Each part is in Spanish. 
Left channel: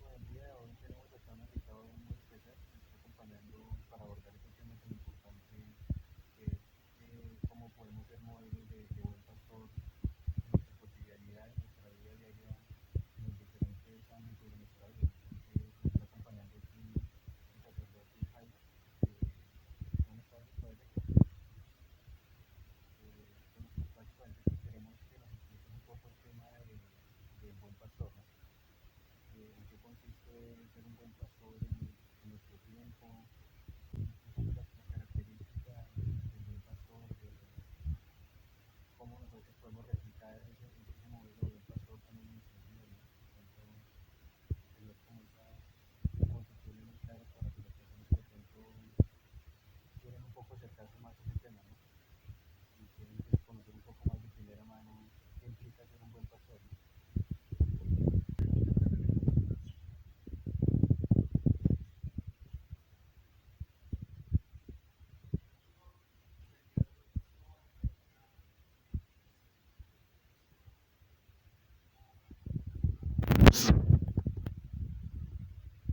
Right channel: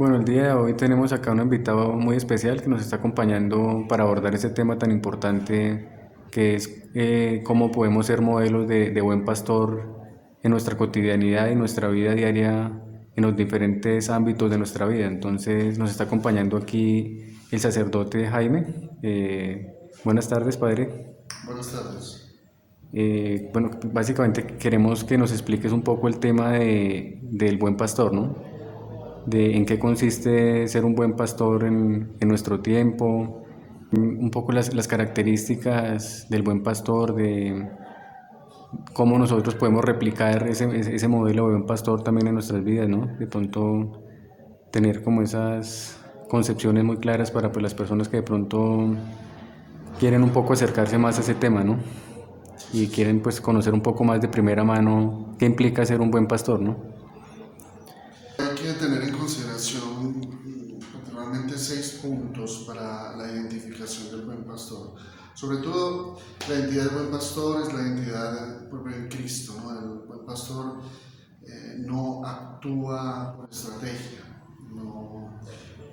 Bueno, el día de hoy tenemos acá un invitado muy especial que nos está acompañando para abordar ese tema tan importante que es cómo podemos ser modelos de buen pastor en nuestra cotidianidad y nuestra vida diaria en los diferentes ámbitos de nuestra vida. Entonces nos está acompañando aquí el sacerdote Jaime. Buenas tardes, padre. Buenas tardes. Bueno, básicamente queremos que nos expliques un poco el tema del buen pastor, ¿no? De en qué consiste ser un buen pastor en nuestro tiempo, un poco las características del buen pastor, de cómo nosotros podemos replicar ese modelo de buen pastor también en nuestras vidas, ¿no? De pronto tener como esas concepciones muy claras para pues, las personas que de pronto quieren un poco acercarse más a ese tema, ¿no? Y quieren pues conocer un poco más de primera mano qué implica ser un buen pastor, ¿no? Hay que tener en consideración particularmente 6 puntos para la identificación del buen pastor. Sobre todo, la identidad del buen pastor es la identidad propia de Cristo, ¿no? El buen pastor no actúa por estrategia,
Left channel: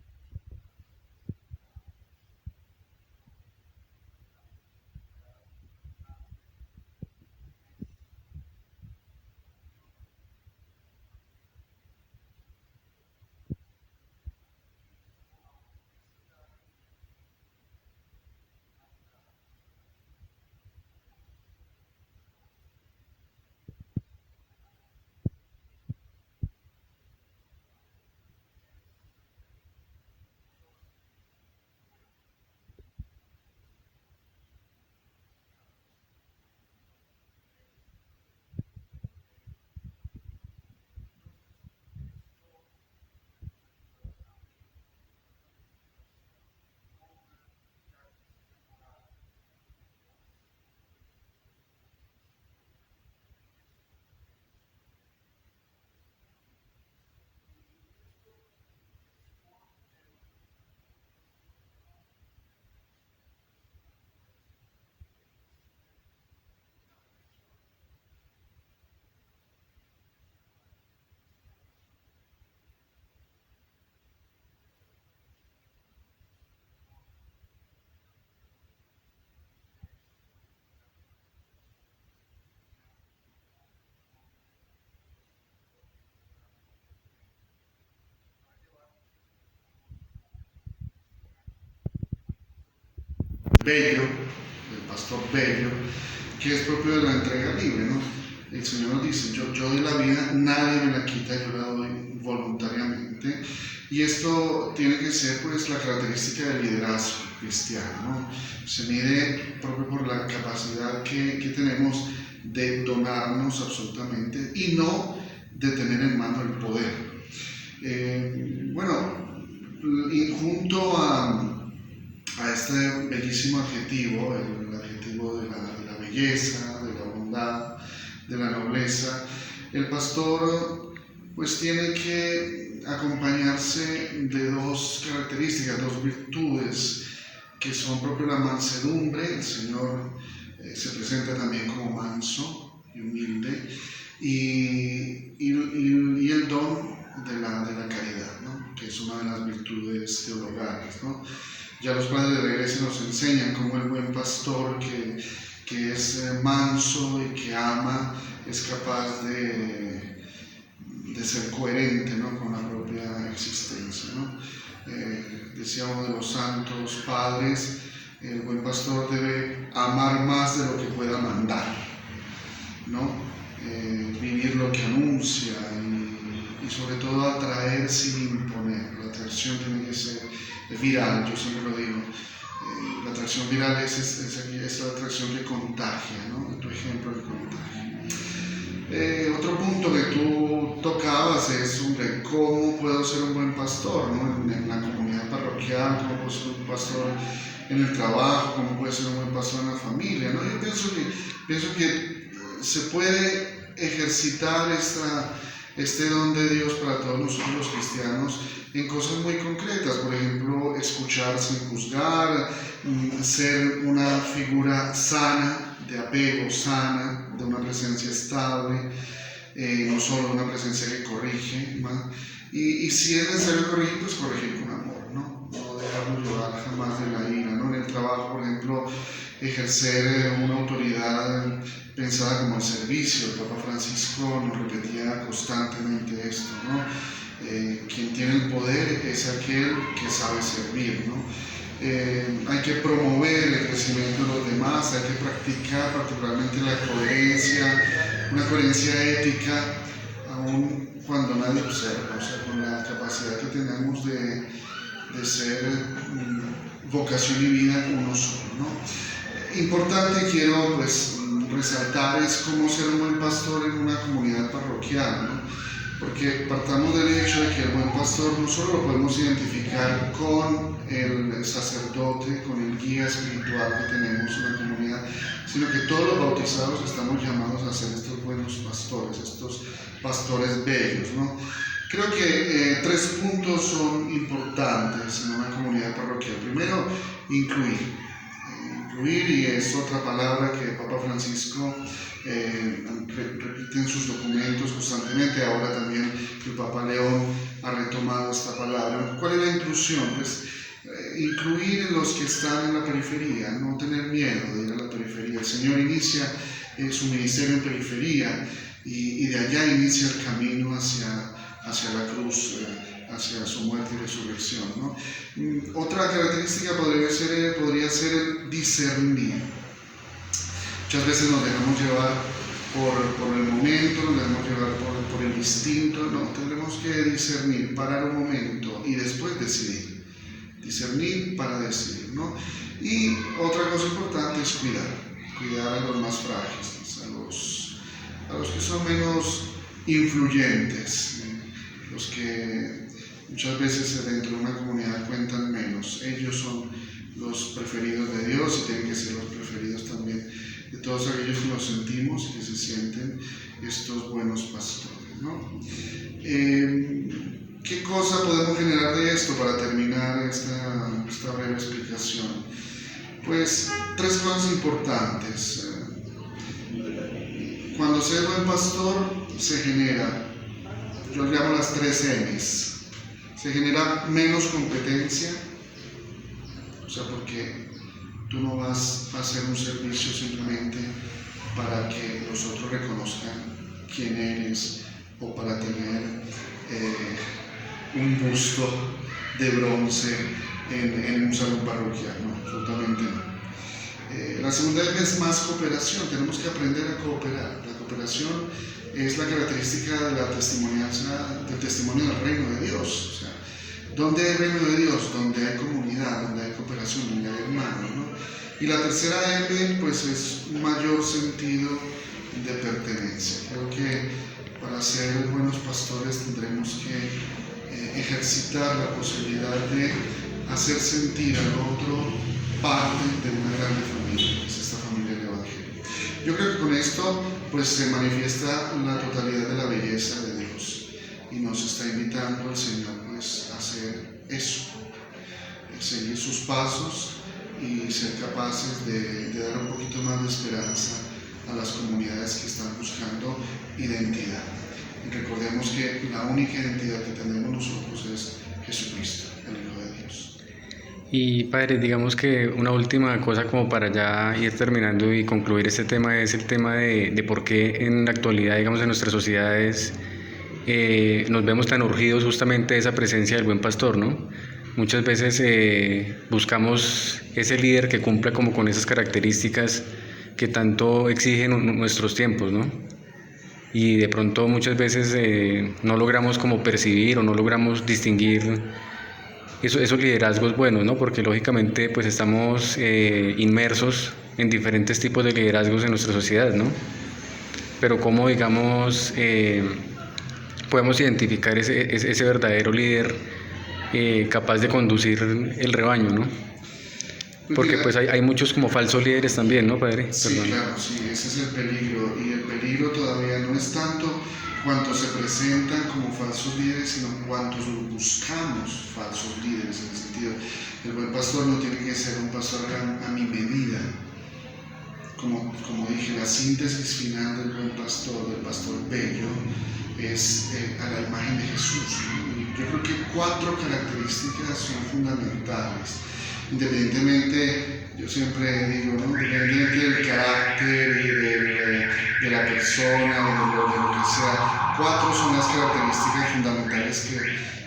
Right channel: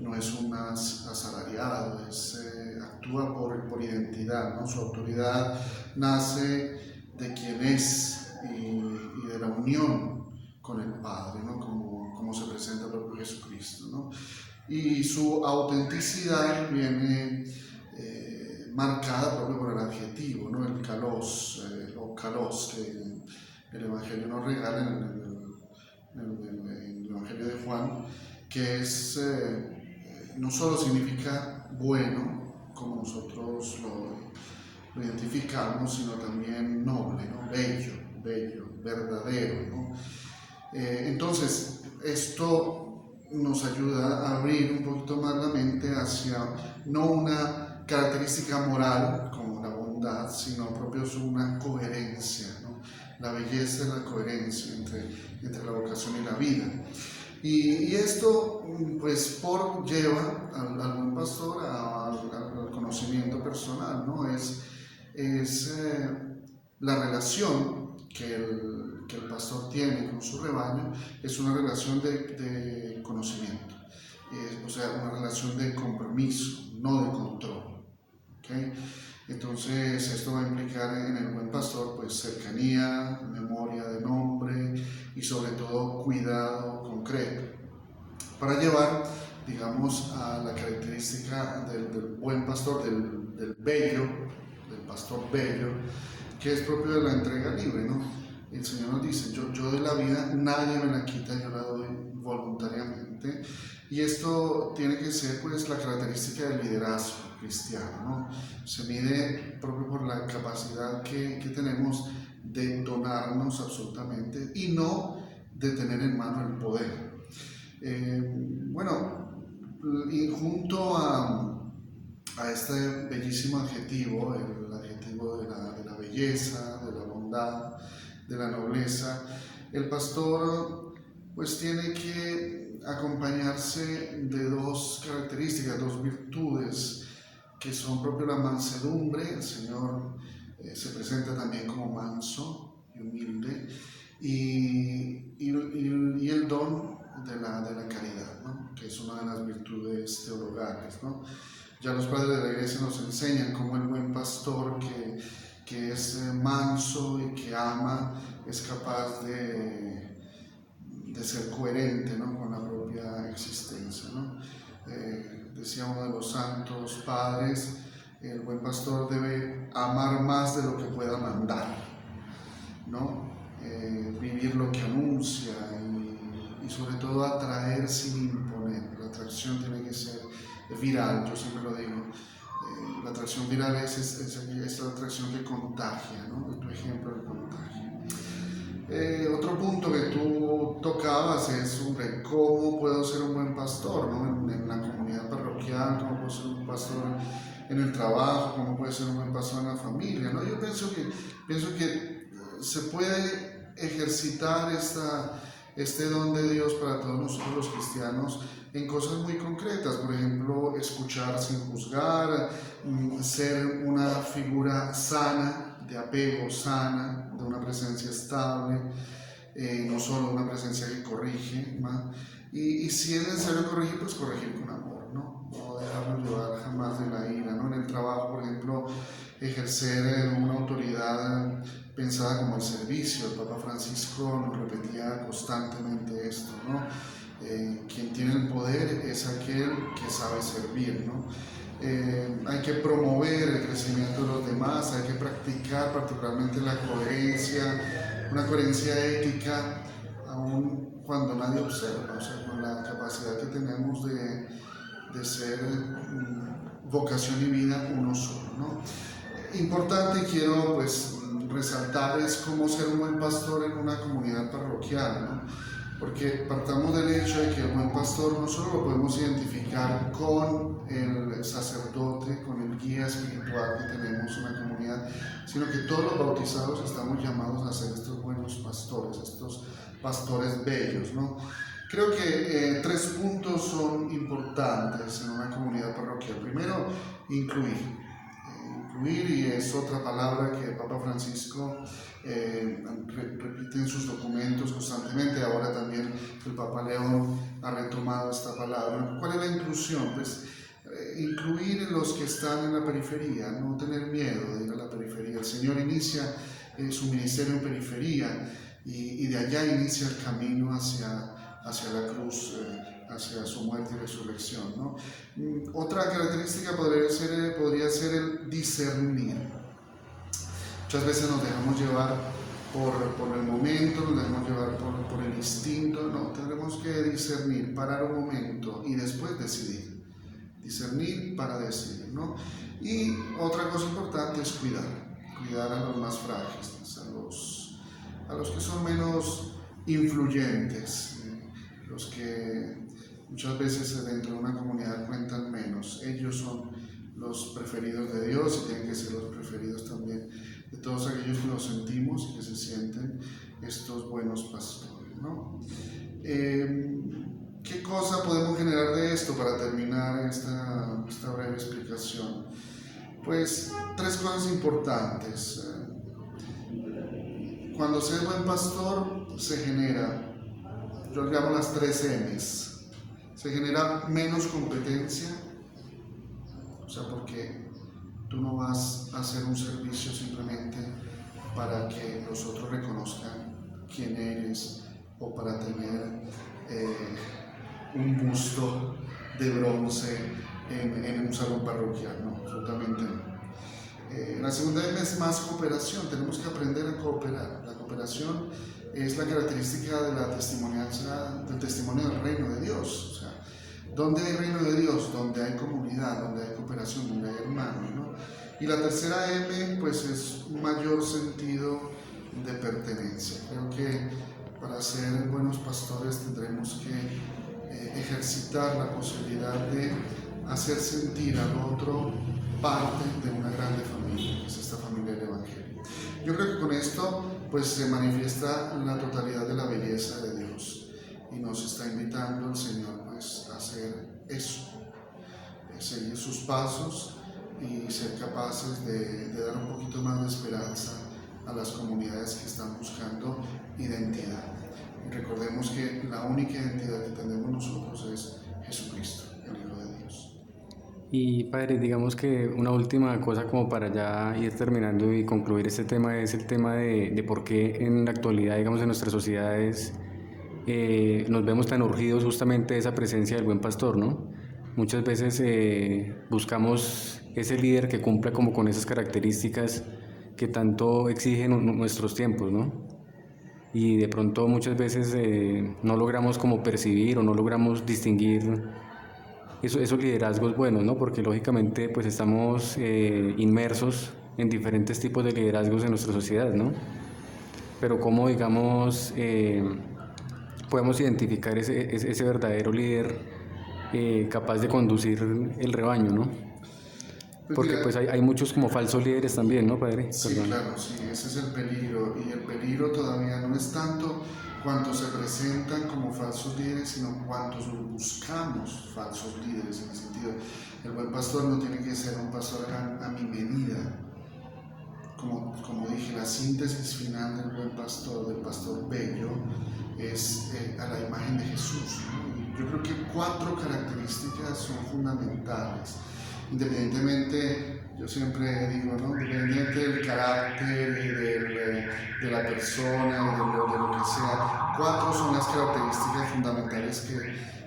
no es un asalariado, actúa por identidad, ¿no? Su autoridad nace de quien es y de la unión con el Padre, ¿no? Como se presenta el propio Jesucristo, ¿no? Y su autenticidad viene marcada propio por el adjetivo, ¿no? El kalos, o kalos, que el Evangelio nos regala en el Evangelio de Juan, que no solo significa bueno, como nosotros lo identificamos, sino también noble, ¿no? Bello, verdadero, ¿no? Entonces, esto nos ayuda a abrir un poquito más la mente hacia no una característica moral como la bondad, sino propio una coherencia, ¿no? La belleza y la coherencia entre la vocación y la vida. Y esto pues lleva al buen pastor al conocimiento personal, ¿no? Es la relación que el pastor tiene con su rebaño, es una relación de conocimiento, o sea, una relación de compromiso, no de control. ¿Okay? Entonces esto va a implicar en el buen pastor pues cercanía, memoria de nombre y sobre todo cuidado concreto para llevar, digamos, a la característica del buen pastor, del bello, del pastor bello, que es propio de la entrega libre, ¿no? El Señor nos dice, yo de la vida nadie me la quita, yo la doy voluntariamente. Y esto tiene que ser pues la característica del liderazgo cristiano, ¿no? Se mide propio por la capacidad que tenemos de donarnos absolutamente y no de tener en mano el poder. Bueno, y junto a este bellísimo adjetivo, el adjetivo de la belleza, de la bondad, de la nobleza, el pastor pues tiene que acompañarse de dos características, dos virtudes que son propio la mansedumbre. El Señor se presenta también como manso y humilde, y el don de la caridad, ¿no? Que es una de las virtudes teologales, ¿no? Ya los padres de la iglesia nos enseñan cómo el buen pastor que es manso y que ama es capaz de ser coherente, ¿no? Con la propia existencia, ¿no? Decía uno de los santos padres, el buen pastor debe amar más de lo que pueda mandar, ¿no? Vivir lo que anuncia y sobre todo atraer sin imponer. La atracción tiene que ser viral, yo siempre lo digo. La atracción viral es la atracción que contagia, ¿no? De tu ejemplo que contagia. Otro punto que tú tocabas es sobre cómo puedo ser un buen pastor, ¿no? En la comunidad parroquial, cómo puedo ser un pastor en el trabajo, cómo puede ser un buen pastor en la familia, ¿no? Yo pienso que se puede ejercitar este don de Dios para todos nosotros los cristianos en cosas muy concretas, por ejemplo, escuchar sin juzgar, ser una figura sana, de apego sana, de una presencia estable, no solo una presencia que corrige, ¿no? Y si es necesario corregir, pues corregir con amor, ¿no? No dejarnos llevar jamás de la ira, ¿no? En el trabajo, por ejemplo, ejercer una autoridad pensada como el servicio. El Papa Francisco nos repetía constantemente esto, ¿no? Quien tiene el poder es aquel que sabe servir, ¿no? Hay que promover el crecimiento de los demás, hay que practicar particularmente la coherencia, una coherencia ética, aun cuando nadie observa, o sea, con la capacidad que tenemos de ser vocación y vida uno solo, ¿no? Importante, quiero pues resaltar, es cómo ser un buen pastor en una comunidad parroquial, ¿no? Porque partamos del hecho de que el buen pastor no solo lo podemos identificar con el sacerdote, con el guía espiritual que tenemos en la comunidad, sino que todos los bautizados estamos llamados a ser estos buenos pastores, estos pastores bellos, ¿no? Creo que 3 puntos son importantes en una comunidad parroquial. Primero, incluir, y es otra palabra que el Papa Francisco repite en sus documentos constantemente. Ahora también el Papa León ha retomado esta palabra. ¿Cuál es la inclusión? Pues incluir en los que están en la periferia, no tener miedo de ir a la periferia. El Señor inicia su ministerio en periferia y de allá inicia el camino hacia la cruz, hacia su muerte y resurrección, ¿no? Otra característica podría ser el discernir. Muchas veces nos dejamos llevar por el momento, nos dejamos llevar por el instinto. No, tendremos que discernir, parar un momento y después decidir. Discernir para decidir, ¿no? Y otra cosa importante es cuidar a los más frágiles, a los que son menos influyentes, los que muchas veces dentro de una comunidad cuentan menos. Ellos son los preferidos de Dios y tienen que ser los preferidos también de todos aquellos que nos sentimos y que se sienten estos buenos pastores, ¿no? ¿Qué cosa podemos generar de esto para terminar esta breve explicación? Pues 3 cosas importantes. Cuando se es buen pastor, se genera, yo llamo las 3 M's. Se genera menos competencia, o sea, porque tú no vas a hacer un servicio simplemente para que los otros reconozcan quién eres o para tener un busto de bronce en un salón parroquial, no, absolutamente no. La segunda es más cooperación, tenemos que aprender a cooperar. La cooperación es la característica de la testimonianza, del testimonio del reino de Dios. O sea, ¿dónde hay reino de Dios? Donde hay comunidad, donde hay cooperación, donde hay hermanos, ¿no? Y la tercera M, pues es un mayor sentido de pertenencia. Creo que para ser buenos pastores tendremos que ejercitar la posibilidad de hacer sentir al otro parte de una grande familia, que es esta familia del Evangelio. Yo creo que con esto pues se manifiesta la totalidad de la belleza de Dios y nos está invitando el Señor pues a hacer eso, seguir sus pasos y ser capaces de dar un poquito más de esperanza a las comunidades que están buscando identidad. Y recordemos que la única identidad que tenemos nosotros es Jesucristo, el Hijo de Dios. Y padre, digamos que una última cosa como para ya ir terminando y concluir este tema es el tema de por qué en la actualidad, digamos, en nuestras sociedades nos vemos tan urgidos justamente de esa presencia del buen pastor, ¿no? Muchas veces buscamos ese líder que cumpla como con esas características que tanto exigen nuestros tiempos, ¿no? Y de pronto muchas veces no logramos como percibir o no logramos distinguir esos liderazgos buenos, ¿no? Porque lógicamente pues estamos inmersos en diferentes tipos de liderazgos en nuestra sociedad, ¿no? Pero cómo, digamos, podemos identificar ese verdadero líder capaz de conducir el rebaño, ¿no? Porque pues hay muchos como falsos líderes también, ¿no, padre? Sí, Perdón. claro, sí, ese es el peligro. Y el peligro todavía no es tanto cuántos se presentan como falsos líderes, sino cuántos buscamos falsos líderes. En el sentido, el buen pastor no tiene que ser un pastor a mi medida. Como dije, la síntesis final del buen pastor, del pastor bello, es a la imagen de Jesús, ¿no? Y yo creo que 4 características son fundamentales, independientemente, yo siempre digo, ¿no? Independientemente del carácter y de la persona, de lo que sea, 4 son las características fundamentales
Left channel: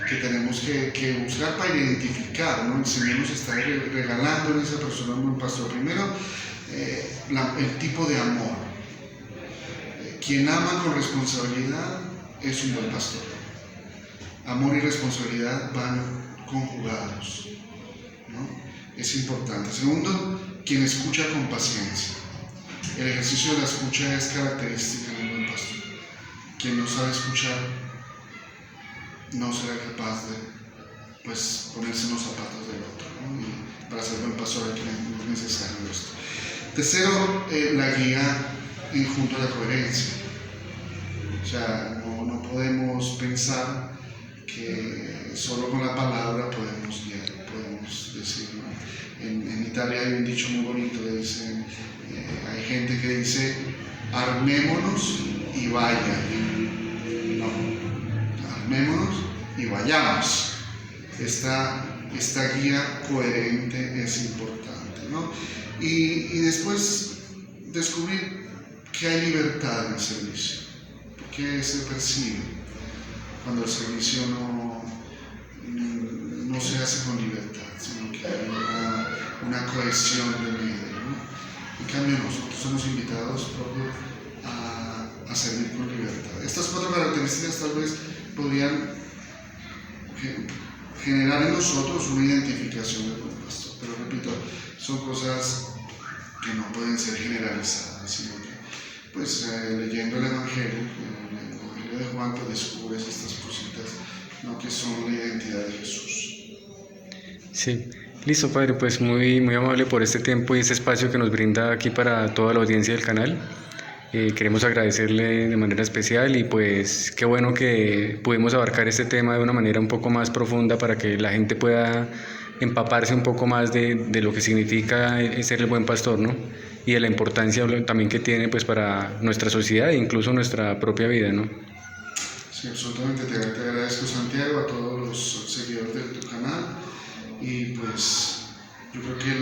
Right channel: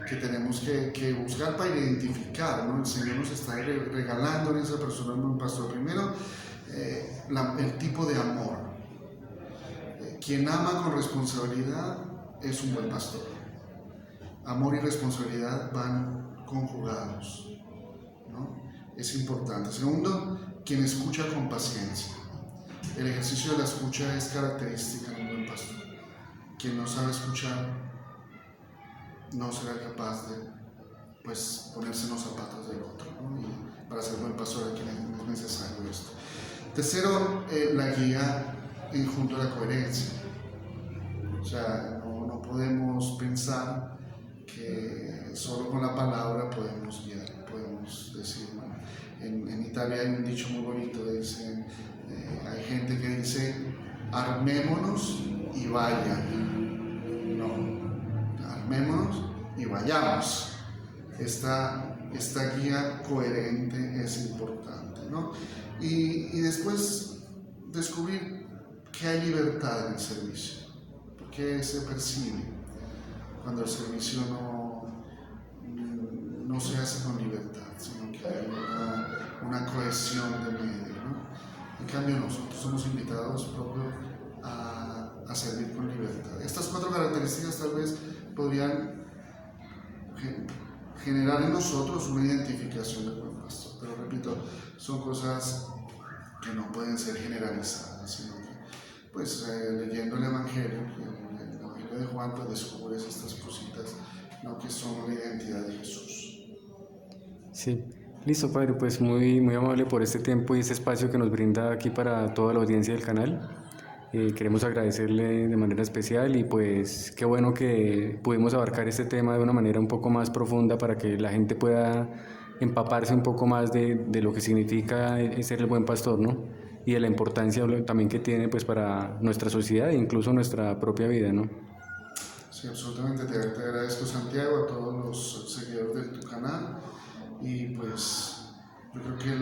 que tenemos que buscar para identificar, ¿no? El Señor nos está regalando a esa persona un buen pastor. Primero, el tipo de amor. Quien ama con responsabilidad es un buen pastor. Amor y responsabilidad van conjugados, ¿no? Es importante. Segundo, quien escucha con paciencia. El ejercicio de la escucha es característica de un buen pastor. Quien no sabe escuchar no será capaz de ponerse en los zapatos del otro, ¿no? Y para ser buen pastor aquí es necesario esto. Tercero, la guía junto a la coherencia. O sea, no podemos pensar que solo con la palabra podemos guiar, podemos decir, ¿no? En Italia hay un dicho muy bonito que dicen, hay gente que dice, armémonos y vayan. No, armémonos y vayamos. Esta guía coherente es importante, ¿no? Y después descubrir que hay libertad en el servicio, porque se percibe cuando el servicio no se hace con libertad, sino que hay una cohesión de medio, ¿no? En cambio nosotros somos invitados a servir con libertad. Estas 4 características tal vez podrían generar en nosotros una identificación del buen pastor, pero repito, son cosas que no pueden ser generalizadas, sino que leyendo el Evangelio de Juan, pues descubres estas cositas, ¿no? Que son la identidad de Jesús. Sí, listo, padre, pues muy, muy amable por este tiempo y este espacio que nos brinda aquí para toda la audiencia del canal. Queremos agradecerle de manera especial y pues qué bueno que pudimos abarcar este tema de una manera un poco más profunda para que la gente pueda empaparse un poco más de lo que significa ser el buen pastor, ¿no? Y de la importancia también que tiene pues para nuestra sociedad e incluso nuestra propia vida, ¿no? Sí, absolutamente, te agradezco, Santiago, a todos los seguidores de tu canal, y pues yo creo que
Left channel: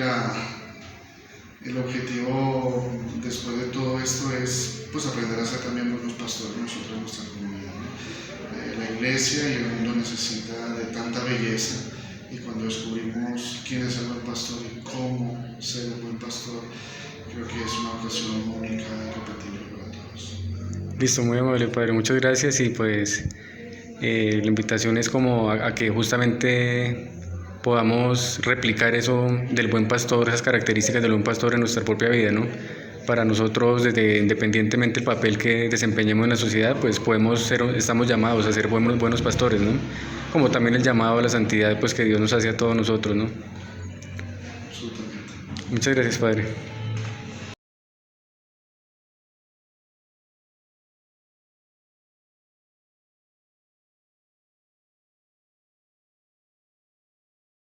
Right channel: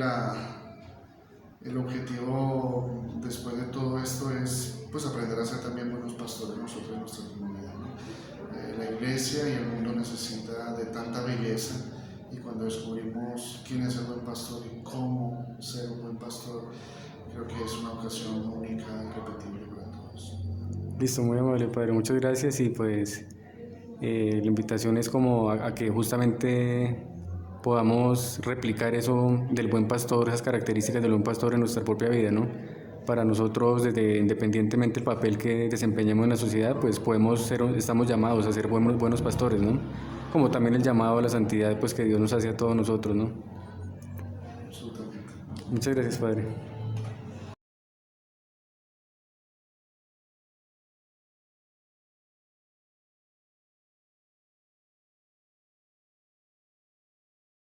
el objetivo después de todo esto es pues aprender a ser también buenos pastores nosotros en nuestra comunidad, ¿no? La iglesia y el mundo necesita de tanta belleza, y cuando descubrimos quién es el buen pastor y cómo ser un buen pastor, creo que es una ocasión única y repetible para todos. Listo, muy amable, padre, muchas gracias y pues la invitación es como a que justamente podamos replicar eso del buen pastor, esas características del buen pastor en nuestra propia vida, ¿no? Para nosotros, independientemente del papel que desempeñemos en la sociedad, pues estamos llamados a ser buenos pastores, ¿no? Como también el llamado a la santidad, pues que Dios nos hace a todos nosotros, ¿no? Absolutamente. Muchas gracias, padre.